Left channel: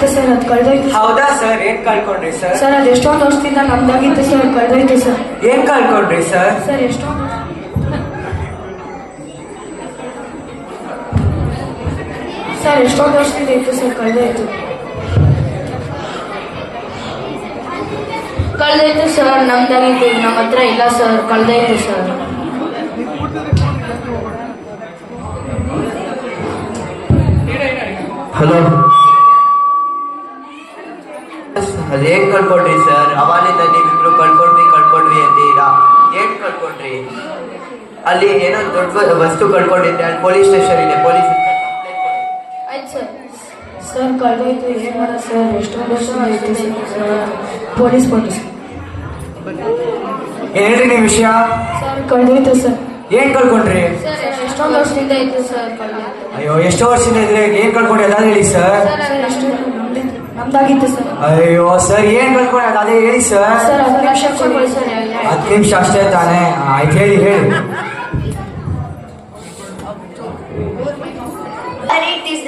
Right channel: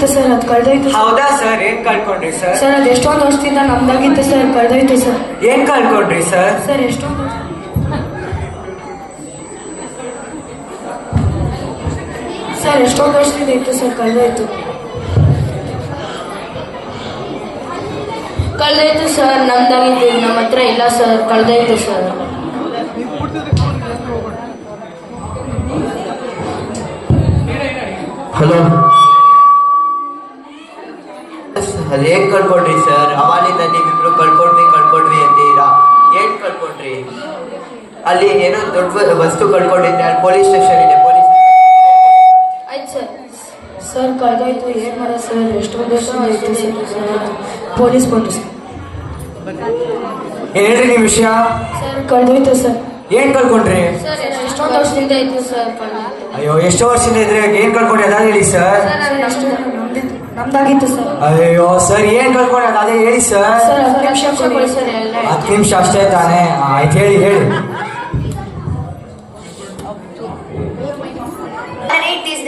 ನಮ್ದಾಗಿತ್ತು sir ಅದು ಕಳ್ದೋಯ್ತು ಹೌದಾ sir ಏನ್ ಕಳ್ಕೊಂಡ್ರಿ ಸರ್? ಸರ್ ಅದು ಎಷ್ಟೊಂದು ವರ್ಷದಿಂದ ನಮ್ದಾಗಿತ್ತು ಸರ್ ಕಳ್ದೋಯ್ತು ಸರ್. ಏನ್ ಕಳ್ಕೊಂಡ್ರಿ ಸರ್? ಸರ್ ಎಷ್ಟೊಂದು ಸರ್ ಎಷ್ಟೊಂದು ವರ್ಷದಿಂದ ಇತ್ತು ಸರ್ ಕಳ್ದೋಯ್ತು. ಕಳ್ದೋಯ್ತು ಸರ್ ನಮ್ದಾಗಿತ್ತು. ನಮ್ಮ ಹತ್ರ ಇಲ್ಲ ಸರ್ ಕಳ್ದೋಯ್ತು ಸರ್. ಹಲೋ. ಅದೇನ್ ಕಳ್ಕೊಂಡ್ರಿ ಸರ್? ಅವಾಲಿಂದ ನೀವಿಬ್ರು ಕಳ್ಕೊಂಡ್ವಿ ಕಳ್ಕೊಂಡ್ವಿ ಅಂತೀರಾ? ಏನ್ ಕಳ್ಕೊಂಡ್ರಿ? ಅಲ್ಲಿ ಏನೋ ದೊಡ್ಡ ವಸ್ತು ಕಳ್ಕೊಂಡಿದ್ದೆ ಅಲ್ಲಿ ಪೊಲೀಸ್ ಸ್ಟೇಷನ್ ಇದೆ ಪೊಲೀಸ್ ಆಯ್ತು ಸರ್. ಸರ್ ಕಳ್ದೋಯ್ತು ಏನ್ ಮಾಡ ಸರ್? ಎಷ್ಟೊಂದು ವರ್ಷದಿಂದ ಪೊಲೀಸ್ ಕೊಟ್ಟು ಸರ್. ಹೇಳ್ರಿ ನಿಮ್ ವಿಷಯ? ಸರ್ ಕಳ್ದೋಯ್ತು ಸರ್. ಏನ್ ಕಳ್ಕೊಂಡ್ರಿ? ಸರ್ ಎಷ್ಟೊಂದು ವರ್ಷದಿಂದ ಇತ್ತು ಸರ್. ಅಯ್ಯೋ ಎಷ್ಟೋ ವರ್ಷದಿಂದ ಇದ್ರೆ ಏನ್ ಕಳ್ಕೊಂಡ್ರಿ ಅದ ಹೇಳಿ ಸರ್ ಎಷ್ಟು ನಮ್ದಾಗಿತ್ತು ಸರ್. ಅಯ್ಯೋ ಸರ್ ಏನ್ ಕಳ್ಕೊಂಡ ಅದೇ ಹೇಳಿ ಸರ್. ಸರ್ ಹತ್ತು ನಿಮಿಷ ಕೊಡಿ ಸರ್ ಎಲ್ಲ ಹತ್ತು ನಿಮಿಷ ಅಷ್ಟೇ ತಾನೆ. ಆಯ್ತು ಹೇಳಿ ಹೇಳಿ.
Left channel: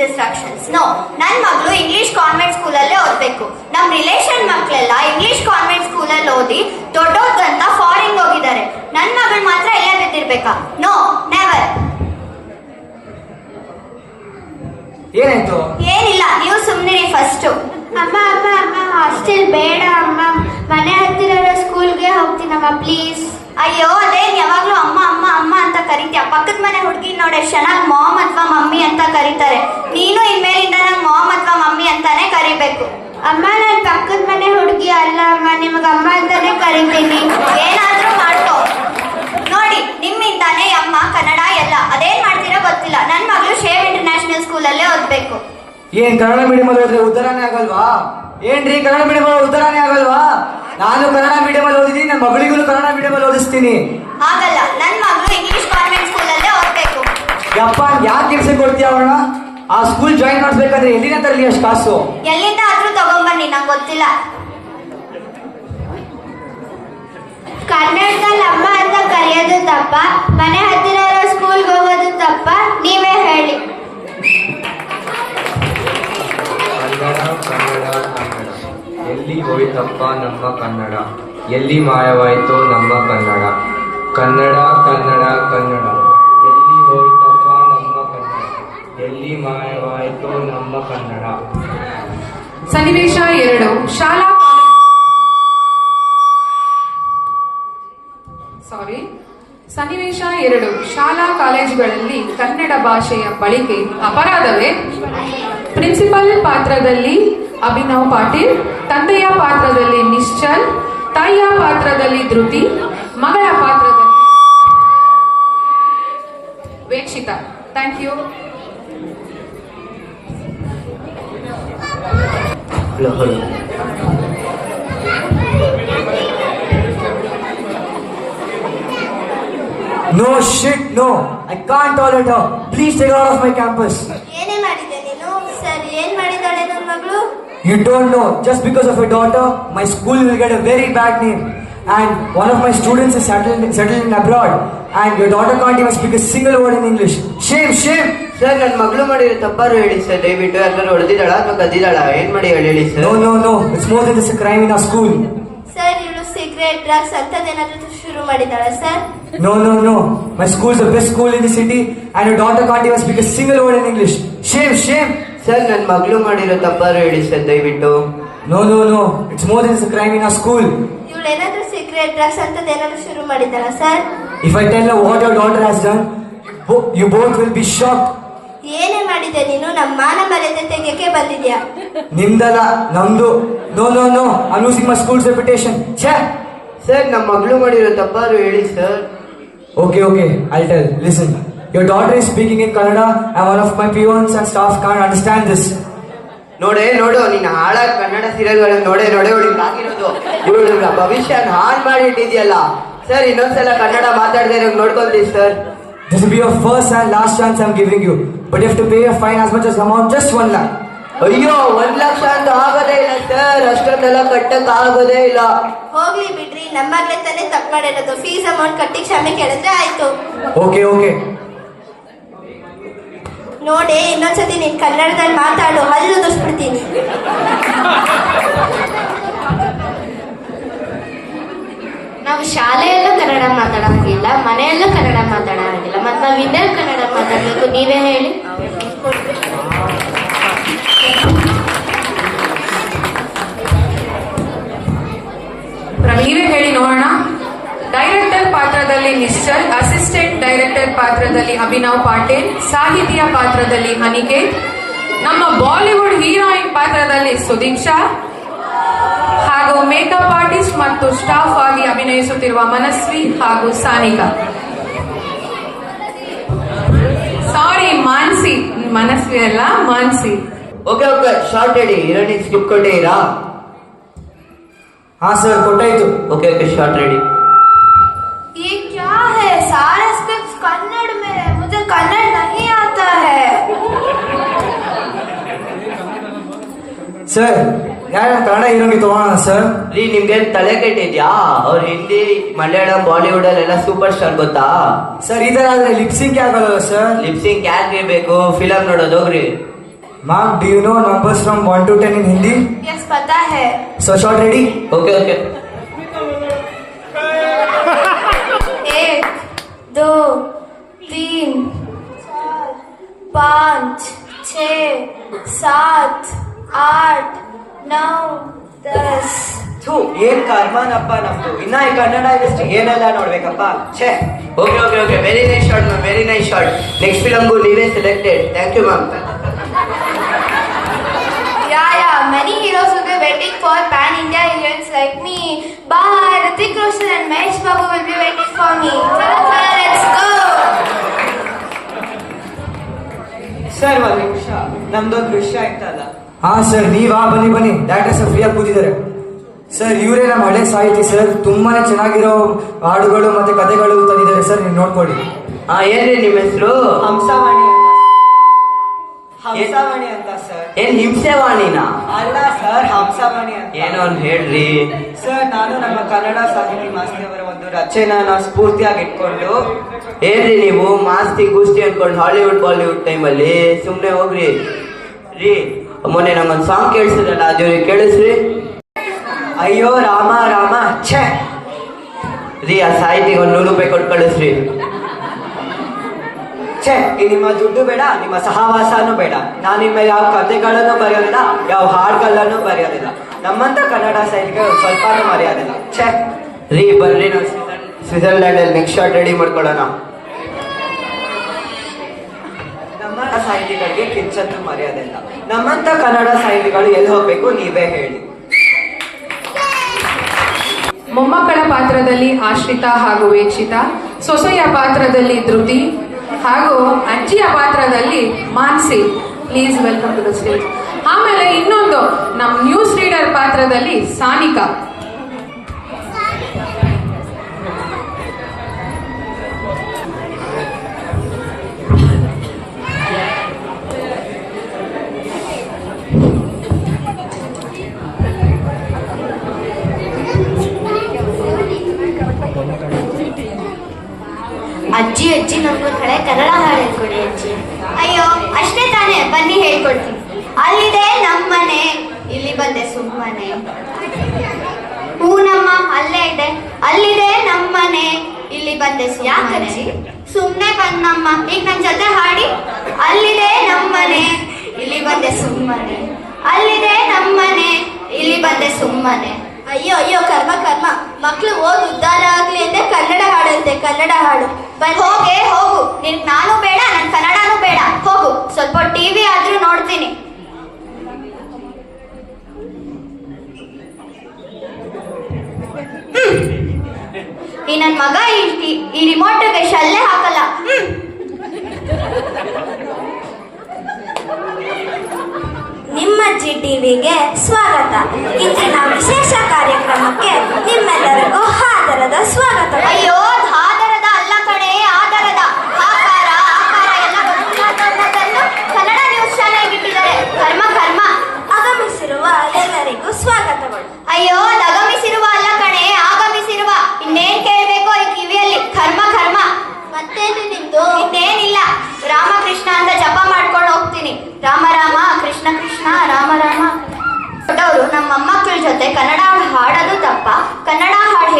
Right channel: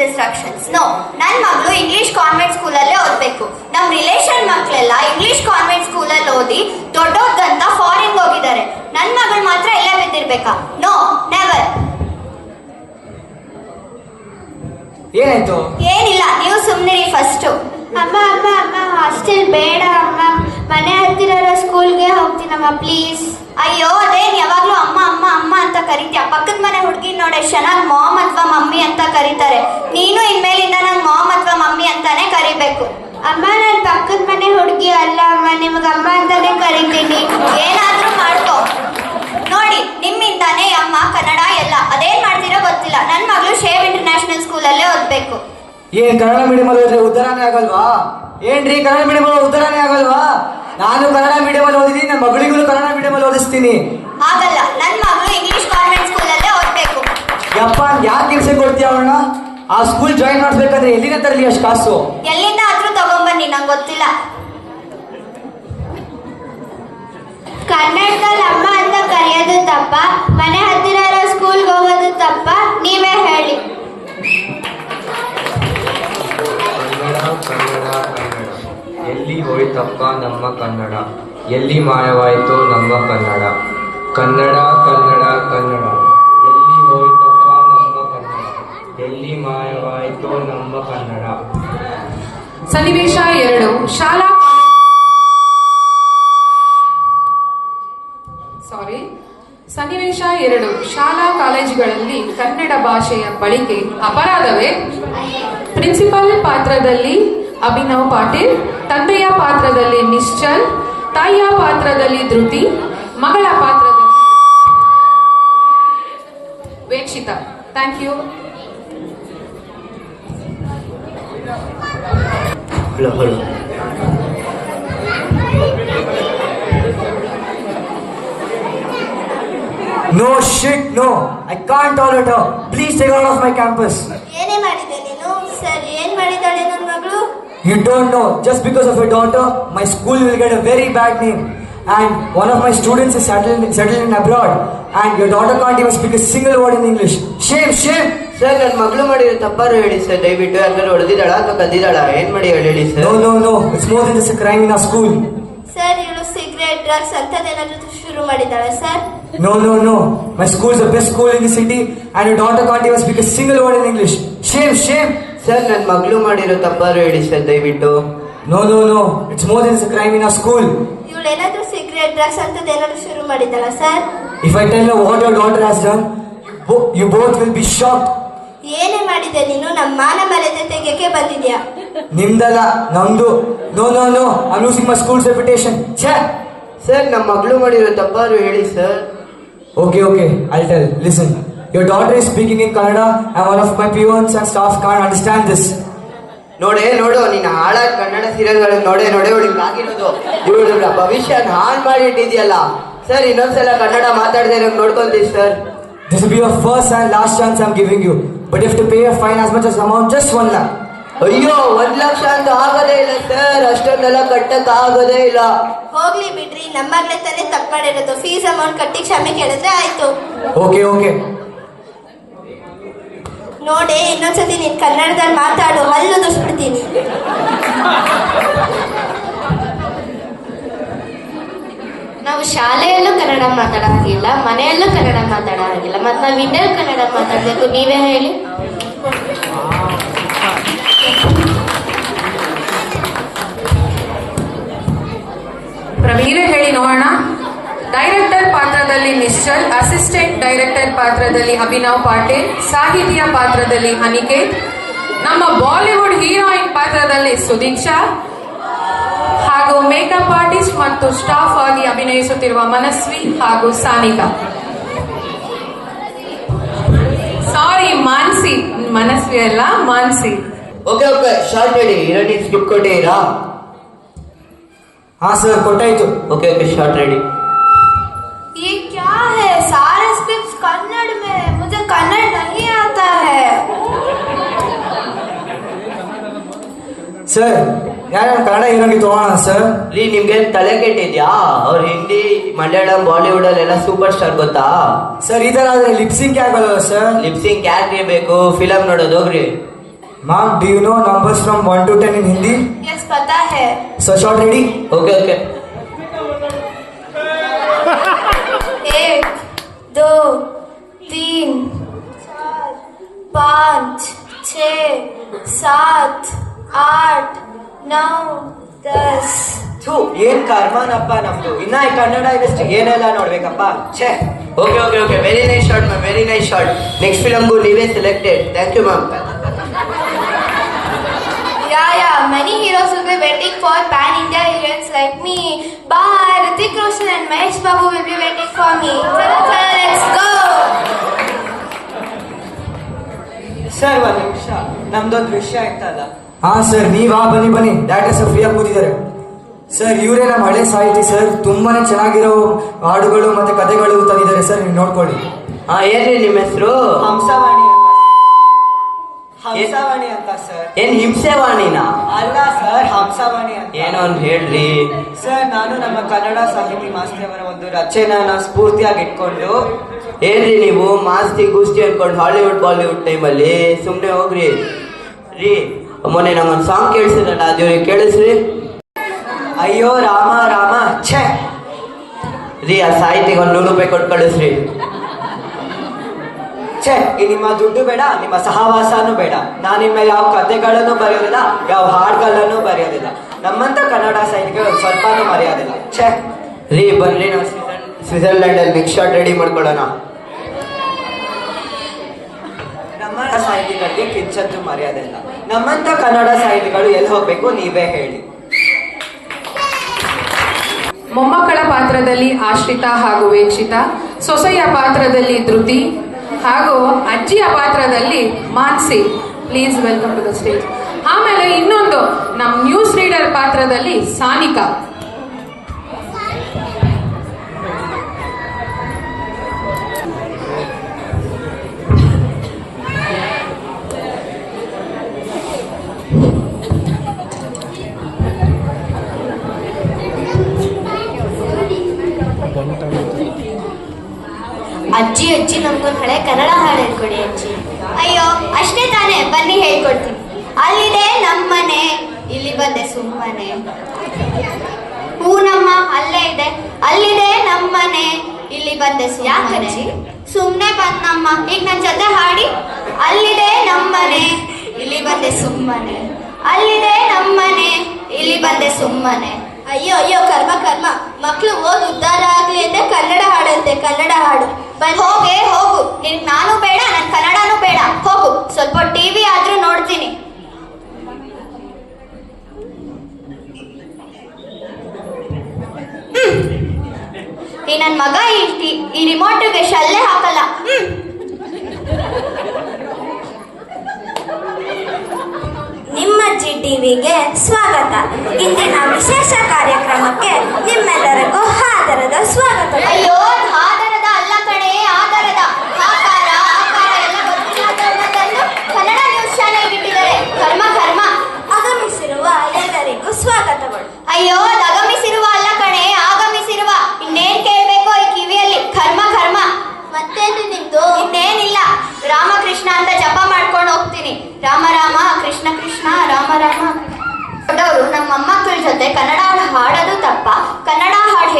Distractions. No, ನನ್ನ ಮಗಳು ಇಂಗ್ಲಿಷ್ ಕಾನ್ವೆಂಟ್ ಸ್ಕೂಲಲ್ಲೇ ಓದ್ಬೇಕು. ನಮ್ ರಿಲೇಷನ್ ಮಕ್ಕಳೆಲ್ಲ ಇಂಗ್ಲಿಷ್ ಕಾನ್ವೆಂಟ್ ಸ್ಕೂಲಲ್ಲಿ ಓದಿ ದೊಡ್ಡೋದಂತ ಫಾರಿನ್ ಹೋಗಿದ್ದಾರೆ. ನನ್ನ ಮಗಳು ಮಾತ್ರ ಎಲ್ಲ ಬಿದ್ದಿರ್ಬೇಕಾ? ನೋ ನೆವರ್ ಏನಾಯ್ತು? ಏನಿಲ್ಲ. ನೀವು ಸುಮ್ಮನೆ ಫಸ್ಟ್ ಅಮ್ಮ ಅಮ್ಮ ಅಮ್ಮ ಹಾಸ್ಟೆಲ್ ಬೇಡ, ಅಮ್ಮ. ಮನೆ ಹತ್ತಿರ ಸ್ಕೂಲ್ಗೆ ಹೋಗ್ತೀನಮ್ಮ ಪ್ಲೀಸ್ ಅಯ್ಯೋ, ಅದೇನು ಯಾವಾಗ್ಲೂ ಅಮ್ಮ ಅಮ್ಮ ಅಮ್ಮ ಅಂತ ಕರಿತೀಯ? ಪಕ್ಕದ ಮನೆ ಹುಡುಗಿ ನೋಡೆ ಚೆನ್ನಾಗಿ ಮಾಮ್ ಅಥವಾ ಮಮ್ಮಿ ಅಂತ ಕರೀತಾರೆ. ನೀನು ಇನ್ಮೇಲಿಂದ ನಂಗೆ ಮಾಮ್ ಅಥವಾ ಮಮ್ಮಿ ಅಂತಾನೆ ಕರಿಬೇಕು. ಅಮ್ಮ, ನಾನು ಪಕ್ಕದ ಮನೆ ಹುಡುಗಿ ಅಲ್ಲ, ಅಮ್ಮ, ನಿಮ್ಗೆ ಅಮ್ಮ ಅಂತಾನೆ ಕರಿತೀನಿ. ಏನಾದರೂ ಮಾಡ್ಕೋ. ನೋಡಿ, ನಿಮ್ಮಿಂದಾನೇ ಅಮ್ಮ, ಕನ್ನಡ ಎಲ್ಲ. ಅದೇನ್ ಮಾಡ್ತೀರೋ ಗೊತ್ತಿಲ್ಲ. ನನ್ನ ಮಗಳು ಶೇವ್ ಇಂಟರ್ನ್ಯಾಷನಲ್ ಸ್ಕೂಲಲ್ಲೇ ಓದ್ಬೇಕು. ಏನ್ ಕನ್ನಡ ಮೀಡಿಯಂ ಅಲ್ಲಿ ಹೋದ್ರೆ ಉದ್ದಾರನೇ ಆಗಲ್ವಾ? ಏನ್ರಿ ಕನ್ನಡ ಮೀಡಿಯಂ ಅಲ್ಲಿ ಉದ್ದಾರನೇ ಆಗಲ್ವಾ? ನಾನು ಕನ್ನಡ ಮೀಡಿಯಂ ಅಲ್ಲಿ ಓದಿದೀನಿ ನನ್ನ ಮಗಳಿಗೂ ಕನ್ನಡ ಮೀಡಿಯಂ ಅಲ್ಲಿ ಓದಿಸ್ತೀನಿ. ಆಗಲ್ಲ ನನ್ನ ಮಗಳು ಇಂಗ್ಲಿಷ್ ಕಾನ್ವೆಂಟ್ ಸ್ಕೂಲಲ್ಲೇ ಓದ್ಬೇಕು. ಯಪ್ಪ ಯಾಕೆ ಕೆಲಸ ಕೊಡ್ತೀಯ ಅವಣ ಆ ಸ್ಕೂಲ್ ಜಾಯಿನ್ ಮಾಡ್ಬೇಕಂದ್ರೆ ಎಲ್ಲಿನ ತರಲಿ ಅಷ್ಟು ಕಾಸು? ಎಲ್ಲಿಂದ ಆದ್ರೂ ತಗೊಂಬನ್ನಿ ನಂಗೆ ಗೊತ್ತಿಲ್ಲ. ಕನ್ನಡದಲ್ಲಿ ಅಮ್ಮ ನಮ್ಮ ಕನ್ನಡ. ಎಲ್ಲಿ ಮಾಯವಾಯಿತು ನಮ್ಮ ಕನ್ನಡ. ಕನ್ನಡ ಕನ್ನಡ ಕನ್ನಡ. ಎಲ್ಲಿ ಹೋಯ್ತಪ್ಪ ನಮ್ಮ ಕನ್ನಡ. ಎಲ್ಲಿ ಮಾಯವಾಯಿತು ನಮ್ಮ ಕನ್ನಡ. ಸನ್ನಿವೇಶ ಎರಡು. ಶಾಲಾ ಸಾರಿ ಸನ್ನಿವೇಶ ಎರಡು. ಶಾಲಾ ಕಾಲೇಜುಗಳಲ್ಲಿ ಕನ್ನಡ ಭಾಷೆಯ ಬಳಕೆ ಅಪರಾಧವೇ? ಪ್ರಿನ್ಸಿಪಾಲ್ ಪಾತ್ರದಲ್ಲಿ ಅಭಿನವ್ ಪಾಟೀಲ್ ತಂದೆಯ ಪಾತ್ರದಲ್ಲಿ ನಿಶ್ಚಲ್ ತಾಯಿಯ ಪಾತ್ರದಲ್ಲಿ ಧೃತಿ ಮಗಳ ಪಾತ್ರದಲ್ಲಿ Vekshita thank you hello hello no shit no I can't tolerate please take out of my campus You don't know. Just because of your daughter, my school will get a very bad name. And one of my students is settled, settled in abroad. And your daughter can't even speak a single word in English. Shame, shame. Sir ನನ್ನ ಮಗಳು ಮಾಡಿರೋ ತಪ್ಪಾರು ಹೇಳಿ sir ದಯವಿಟ್ಟು ಎಲ್ಲರೂ ಹೊಡೆದಿದ್ದಾಳ ಅಥವಾ ಕದ್ದಿದ್ದಾಳ ಏನ್ ಮಾಡಿ ಹೇಳಿ No, sir no, no. It's more than just a crime in our school. Sir ಇವಳು ಸಿಗರೇಟ್ ಡ್ರಗ್ಸ್ ಅಂತದೇನಾದ್ರೂ ಶುರು ಮಾಡಿದ್ದಾಳ sir No, no, no. My school is the best school in the city. And your daughter can't even speak a single word in English. Shame, shame. Sir ನನ್ನ ಮಗಳು ಮಾಡಿರೋ ತಪ್ಪಾರು ಹೇಳಿ sir ದಯವಿಟ್ಟು. No no no it's more than crime in school in secret school. ಅಂತ ಏನಾದ್ರೂ drugs ಶುರು ಮಾಡಿದ್ದಾಳ sir if I tell you what your daughter has you both will be shocked. ಏನೇ ಮಾಡಿದೆ ನೀನು? ನಮ್ಮ ಮಾನ ಮರ್ಯಾದೆ ತೆಗೆಯಕ್ಕೆ ಬಂದಿದ್ಯಾ? ನಿಮ್ದಲ್ಲ ನಮ್ದು. ನೋ ನೋ ನೋ ಅನುಸಿಮ್ಮ ಸ್ಕೂಲ್ ರೆಪ್ಯುಟೇಷನ್ ಛೇ! ಸರ್ ನಮ್ಮ ಮಗಳು ಮಾಡಿರೋ ತಪ್ಪಾರು ಹೇಳಿ sir okay okay I tell Listen, your daughter is speaking in Kannada and all of my peons and staff can't understand this. ನೋಡೇ ನೋಡು ನೀನ್ ಹಾಳ ಕನ್ನಡ ಸೀರಿಯಲ್ಗಳನ್ನು ನೋಡೇ ನೋಡೇ ಹುಡುಗ ಆಗಿರೋದು ಇವಳ ಭವಿಷ್ಯ ಹಾನ್ ಮಾಡಿ ಇಟ್ಟಿದ್ಯಲ್ಲ ಸರ್ ಇನ್ನೊಂದ್ಸಲ ಕನ್ನಡ ಮಾತಾಡದೆ ನೋಡ್ಕೊಂತೀವಿ sir This will be your first and last chance I'm giving you. But you have to pay a fine as much as amount, just one lakh. ಅಯ್ಯೋ ಒಂದ್ ಲಕ್ಷ ಅಂತ ಆಗೋದೇ ಇಲ್ಲ ಸರ್ ಅಷ್ಟೊಂದೆಲ್ಲ ಕಟ್ಟಕ್ ಆಗೋದೇ ಇಲ್ಲ ಹೋಗ್ಲಿ ಬಿಡ್ರಿ ನಮ್ಮಲ್ಲೇ ತಾನೇ ತಪ್ಪು ಮಾಡಿರೋದು ಫೀಸ್ ಅಮೌಂಟ್ ಕಟ್ಟಿ ಕ್ಷಮೆ ಕೇಳಿದ್ರೆ ಆಯ್ತು Okay, okay. ನೋಡಿ ಇನ್ನೊಂದ್ಸತಿ ನೀನು ಕನ್ನಡದಲ್ಲಿ ಮಾತಾಡು ಹಲ್ಲು ದುಷ್ಬಿಡ್ತೀನಿ ನಾವು ಶಾಲೆಯಲ್ಲೂ ಕನ್ನಡ ಮಾತಾಡೋದಿಲ್ಲ ಮನೆಯಲ್ಲೂ ಕನ್ನಡ ಮಾತಾಡೋದಿಲ್ಲ ಮತ್ತೆ ನಾವು ಇನ್ನೆಲ್ಲ ಕನ್ನಡ ಮಾತಾಡಬೇಕು, ನೀವೇ ಹೇಳಿ. ಎ ಮಿಸ್ಟರ್ ಅಸಿಸ್ಟೆಂಟ್ ಡೈರೆಕ್ಟರ್ ಪಾತ್ರದಲ್ಲಿ ಅಭಿನವ್ ಪಾಟೀಲ್ ಸಾಹಿತಿಯ ಪಾತ್ರದಲ್ಲಿ ಅನಿಕೇತ್ ನಮ್ಮ ಬಾಲಿವುಡ್ ಹೀರೋಯಿನ್ ಪಾತ್ರದಲ್ಲಿ ಸುದೀಪ್ ಶಾ ಹಾಗೂ ಮೇಕಪ್ ಆರ್ಟಿಸ್ಟ್ ಮತ್ತು ಸ್ಟಾಫ್ ಆಗಿ ಅಭಿನಯಿಸುತ್ತಿರುವ ಮನಸ್ವಿ ಹಾಗೂ ಸಾನಿಕಾ. ಸಾರಿ ಮಾನ್ಸಿ ಮನಸ್ವಿ ಅಲ್ಲ ಮಾನ್ಸಿ. ಓಕೆ ಓಕೆ ಶಾರ್ಟ್ ಹೇಳಿ ಎರಡನೇ ಸ್ಕ್ರಿಪ್ಟ್ ಕೊಟ್ಟಿದ್ದೀರಾ ಹಾ sir ಕೊಟ್ಟಾಯ್ತು. Okay okay shot ready sir ಯಾರು ಕನ್ನಡ ಹೀರೋಗೆ ತಗೋಣ ಸರ್ ರೀ ನಿಮ್ಗೇನ್ ತಲೆ ಕೆಟ್ಟಿದ್ಯಾ ಅವ್ರ ಹಿಂದಿ ಮಲಯಾಳಂ ಬಾಲಿವುಡ್ ಅಲ್ಲೆಲ್ಲ ಸೂಪರ್ ಸ್ಟಾರ್ ಗೊತ್ತಾ ಸರ್ ಈ ತರ ಆದ್ರೆ ಲಿಪ್ಸಿಂಗ್ ಆಗಲ್ಲ ಸರ್ ಲಿಪ್ಸಿಂಗ್ ಯಾಕೆ ಬೇಕು ಫಿಲಮ್ ನೋಡೋದು ಹೋಗ್ರಿ ma'am do you know numbers from one to ten in Hindi yes पता है so short ready okay okay एक दो तीन चार पाँच छ सात ಆರ್ಟ್ ನೌ ದಸ್ ಥೂ ಏನ್ ಕರ್ಮನಪ್ಪ ನಮ್ದು? ಇನ್ನ ಈ ಕನ್ನಡ ಇಂಡಸ್ಟ್ರಿ ಏನೆಲ್ಲ ನೋಡ್ಬೇಕಪ್ಪ? ಛೇ okay okay okay very nice shot ma'am very nice shot next ಫಿಲಮ್ಗೂ ನೀವೇ selected thank you ma'am yeah heroes many heroes waiting for for India India like me. Bye, Ritik Roshan and Mahesh Babu will be waiting for me. Let's go. Sir ಒಂದು ನಿಮಿಷ. ನಮ್ದೊಂದು ವಿಷಯ ಆಯ್ತಲ್ಲ? ಹಾ sir ನೀವ್ ಆ ಬನ್ನಿ ಬನ್ನಿ. ಡಾಕ್ಟರ್ ಸರ್ ಫ್ರೀಯಾಗಿ ಕೂತಿದ್ದಾರೆ. ಸರ್ ಇವರೇ ನಮ್ಮ ಹಳೆ ಸಾಹಿತಿ ಸರ್ ತುಂಬಾನೇ ಚೆನ್ನಾಗಿರೋ ಹಾಡುಗಳು ಮತ್ತೆ ಕಥೆಗಳು ತಂದಿದ್ದಾರೆ. ಸರ್ ನೀವು ನೋಡ್ಕೊಳ್ಳಿ. ಹಾ ಏನ್ರಿ ನಿಮ್ಮ ಹೆಸರು? ಹಂಸವಾಣಿ ಅಂತ. ಹಂಸವಾಣಿ ಅಂತ ಸರ್ ಏನ್ ಹಿಂಸೆವಾಣಿನ? ಅಲ್ಲ ಸರ್ ಹಂಸವಾಣಿ ಅಂತ. ಏನೋ ಒಂದು ಹೇಳ್ರಿ? ಸರ್ ನಾನು ನಮ್ಮ ಕನ್ನಡ ಸಾಹಿತಿ ಮಾಸ್ತಿಯವರ ಒಂದು ರಚನೆಯನ್ನ ಸ್ಫೂರ್ತಿಯಾಗಿ ಇಟ್ಕೊಂಡು ಏನ್ರಿ ನೀವು ಮಾಸ್ತಿ ಗೂಸ್ತಿ ಅನ್ಕೊಂಡು ಹಾಲಿವುಡ್ ಬಾಲಿವುಡ್ ಟೈಮಲ್ಲಿ ಸುಮ್ಮನೆ ಹೋಗ್ರಿ. ರೀ ಮೊನ್ನೆ ನಂಗೊಂದು ಸಾಂಗ್ ಕೇಳಿಸಿದ್ರಲ್ಲ ಅದೇ ಕೇಳಿಸ್ರಿ. ಅಯ್ಯೋ, ರಾಮ ರಾಮ, ಛೇ. ರೀ, ಆ ಸಾಹಿತಿಗೆ ಒಂದು ನೂರು ರೂಪಾಯಿ ಕೊಟ್ಟು ಕಳಿಸ್ರಿ. ಛೇ ನಿಮ್ಮ ದುಡ್ಡು ಬೇಡ, ನಿಮ್ಮ ಸಹವಾಸನೂ ಬೇಡ. ನಾನು ನಿಮ್ಮ ಯಾವ ಕಥೆಗಳನ್ನು ಬರೆಯೋದಿಲ್ಲ, ಯಾವ ಹಾಡುಗಳನ್ನು ಬರೆಯೋದಿಲ್ಲ. ನಮ್ಮಂತ ಕನ್ನಡ ಸಾಹಿತಿಗೆ ಒಂದು ಸ್ವಲ್ಪನೂ ಮರೆಯೋದಿಲ್ಲ. ಛೇ. ರೀ, ಬರ್ರಿ ನಾವು ಸ್ವಿಟ್ಜರ್ಲ್ಯಾಂಡ್ ಅಲ್ಲಿ ನೆಕ್ಸ್ಟ್ ಶಾರ್ಟ್ ರೆಡಿ ಮಾಡ್ಕೊಳ್ಳೋಣ. ನಮ್ಮ ಸಾಹಿತಿಗಳಿಗೆ ಕಿಂಚತ್ತು ಮರೆಯೋದಿಲ್ಲ ನಮ್ಮಂತ ಕನ್ನಡ ಸಾಹಿತಿಗಳು ಎಲ್ಲಿ ಹೋಗ್ಬೇಕು ನೀವೇ ಹೇಳಿ. ಮೊಮ್ಮಕ್ಕಳ ಪಾತ್ರದಲ್ಲಿ ಆಶ್ರಿತಾ ಹಾಗೂ ವೀಕ್ಷಿತ, ಸೊಸೆಯ ಪಾತ್ರದಲ್ಲಿ ಧೃತಿ ಹಾಗೂ ಅಜ್ಜಿಯ ಪಾತ್ರದಲ್ಲಿ Mansi. Please welcome to the stage ಆಮೇಲೆ ಇನ್ನೊಂದು ನಮ್ಮ ನ್ಯೂಸ್ ರೀಡರ್ ಪಾತ್ರದಲ್ಲಿ ಸಾನಿಕಾ. ಅಜ್ಜಿ ಅಜ್ಜಿ ನಮ್ಗೊಂದು ಕಡೆ ಕನ್ನಡ ಹಾಡು ಹೇಳ್ಕೊಡಿ ಅಜ್ಜಿ. ಅಯ್ಯೋ ಅಷ್ಟೇ ತಾನೇ ಬನ್ನಿ ಹೇಳ್ಕೊಡ್ತೀನಿ. ಅಲ್ಲಿದೆ ನಮ್ಮನೆ ಇಲ್ಲಿ ಬಂದೆ ಸುಮ್ಮನೆ. ಹೂನಮ್ಮ ಅಲ್ಲೇ ಇದೆ. ಅಲ್ಲಿದೆ ನಮ್ಮನೆ ಇಲ್ಲಿ ಬಂದೆ ಸುಮ್ಮನೆ. ಸುಮ್ಮನೆ ಬಂದಮ್ಮ ಈಗ ನನ್ನ ಜೊತೆ ಹಾಡಿ. ಅಲ್ಲಿದೆ ನಮ್ಮನೆ ಇಲ್ಲಿ ಬಂದೆ ಸುಮ್ಮನೆ. ಅಲ್ಲಿದೆ ನಮ್ಮನೆ ಇಲ್ಲಿ ಬಂದೆ ಸುಮ್ಮನೆ. ಅಯ್ಯೋ ಅಯ್ಯೋ ಕರ್ಮ ಕರ್ಮ. ಮಕ್ಕಳು ಓದ್ ಕನ್ನಡ ಹಾಡು. ಹೋಗೆ ಹೋಗು. ನಿನ್ ನಾನು ಬೇಡ ನನ್ ಕನ್ನಡನೂ ಬೇಡ. ಹೋಗು. ಸ್ವಲ್ಪ ಟಿವಿ ಆದ್ರೂ ನೋಡ್ತೀನಿ. ಈ ನನ್ ಮಗ ಈ ರಿಮೋಟ್ ಈ ರಿಮೋಟ್ಗೆ ಶಲ್ಲೆ ಹಾಕಲ್ಲ. ಹ್ಮ್. ನಿಮ್ಮ ಜಿ ಟಿವಿಗೆ ಸ್ವಾಗತ. ಇಂದಿನ ವಿಶೇಷ ಕಾರ್ಯಕ್ರಮಕ್ಕೆ ನಿಮ್ಮೆಲ್ಲರಿಗೂ ಹಾದರದ ಸ್ವಾಗತ. ಅಯ್ಯೋ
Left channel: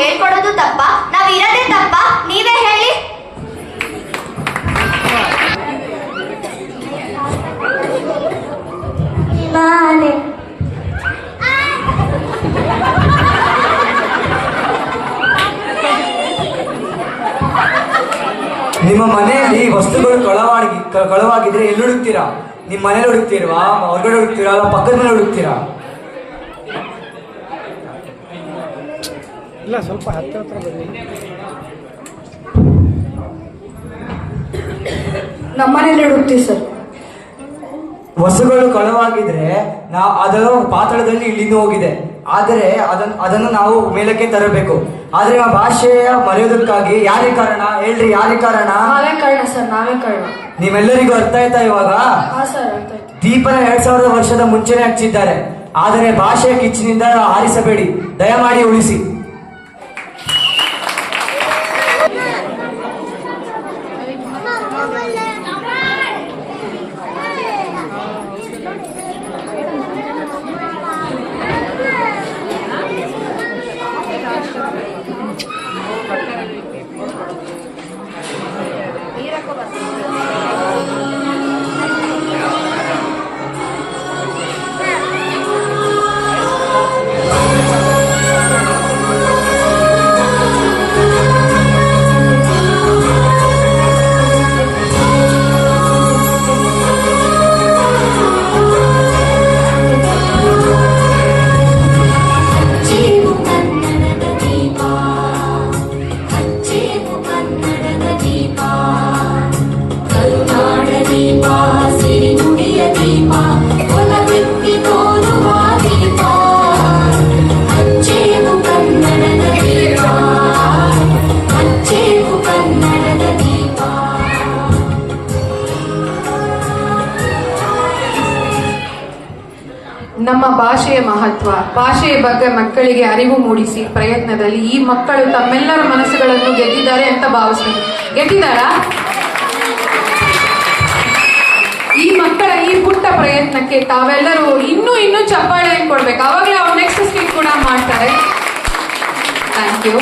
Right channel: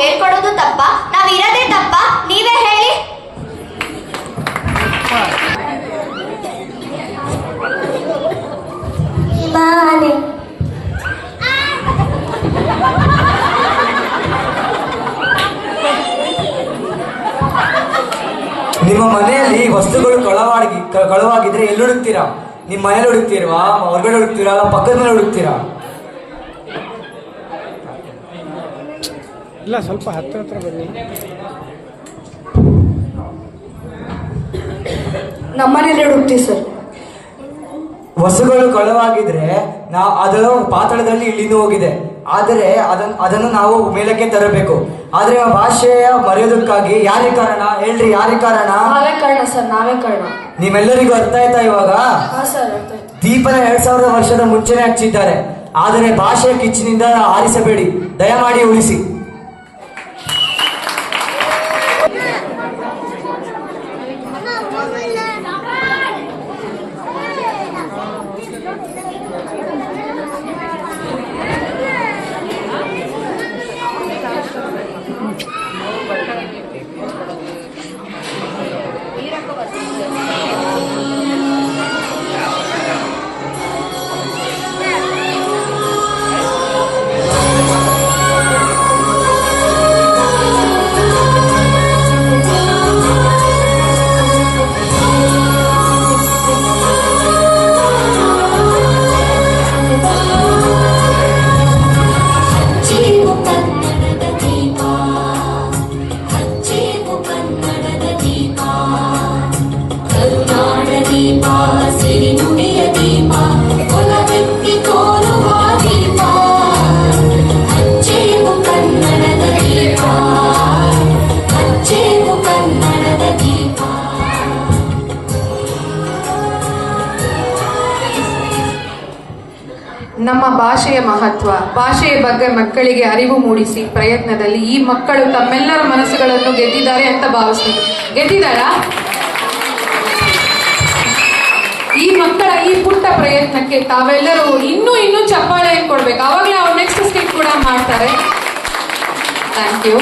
ಹೇಳ್ಕೊಡೋದು ತಪ್ಪ? ನಾವ್ ಇರೋದೇ ತಪ್ಪ? ನೀವೇ ಹೇಳಿ. ನಿಮ್ಮ ಮನೆಯಲ್ಲಿ ವಸ್ತುಗಳು ಕಳವಾಗಿ ಕಳವಾಗಿದ್ರೆ ಎಲ್ಲಿ ಹುಡುಕ್ತೀರಾ? ನಿಮ್ಮ ಮನೇಲಿ ಹುಡುಕ್ತಿರ್ವಾ? ಹೊರಗಡೆ ಹುಡುಕ್ತೀರಾ? ಪಕ್ಕದ ಮೇಲೆ ಹುಡುಕ್ತೀರಾ? ನಮ್ಮನೇಲಿ ಹುಡ್ತೀವಿ ಸರ್. ವಸ್ತುಗಳು ಕಳವಾಗಿದ್ರೆ ನಾ ಅದರ ಪಾತ್ರದಲ್ಲಿ ಇಳಿದು ಹೋಗಿದೆ. ಆದರೆ ಅದನ್ನು ಅದನ್ನು ನಾವು ಮೇಲಕ್ಕೆ ತರಬೇಕು. ಆದ್ರೆ ಆ ಭಾಷೆಯ ಮರೆಯೋದಕ್ಕಾಗಿ ಯಾರೇ ಕಾರಣ? ಹೇಳ್ರಿ ಯಾರೇ ಕಾರಣ? ನಾವೇ ಕಾರಣ ಸರ್ ನಾವೇ ಕಾರಣ. ನಿಮ್ಮೆಲ್ಲರಿಗೂ ಅರ್ಥ ಆಯ್ತಾ ಇವಾಗ? ಹಾ ಸರ್ ಅರ್ಥ ಆಯ್ತು. ದೀಪನ ಎರಡ್ ಸಾವಿರದ ವರ್ಷದ ಮುಂಚೆನೆ ಹಚ್ಚಿದ್ದಾರೆ ಆದರೆ ಭಾಷೆಯ ಕಿಚ್ಚಿನಿಂದ ಆರಿಸಬೇಡಿ ದಯಮಾಡಿ ಉಳಿಸಿ. ನಮ್ಮ ಭಾಷೆಯ ಮಹತ್ವ, ಭಾಷೆಯ ಬಗ್ಗೆ ಮಕ್ಕಳಿಗೆ ಅರಿವು ಮೂಡಿಸಿ ಪ್ರಯತ್ನದಲ್ಲಿ ಈ ಮಕ್ಕಳು ತಮ್ಮೆಲ್ಲರ ಮನಸ್ಸುಗಳನ್ನು ಗೆದ್ದಿದ್ದಾರೆ ಅಂತ ಭಾವಿಸ್ತೀನಿ. ಗೆದ್ದಿದ್ದಾರಾ? ಈ ಮಕ್ಕಳ ಈ ಪುಟ್ಟ ಪ್ರಯತ್ನಕ್ಕೆ ತಾವೆಲ್ಲರೂ ಇನ್ನೂ ಇನ್ನೂ ಚಪ್ಪಾಳೆ ಕೊಡ್ಬೇಕು. ಅವಾಗಲೇ ಅವ್ರು ನೆಕ್ಸ್ಟ್ ಸ್ಕಿಪ್ ಕೂಡ ಮಾಡ್ತಾರೆ. Thank you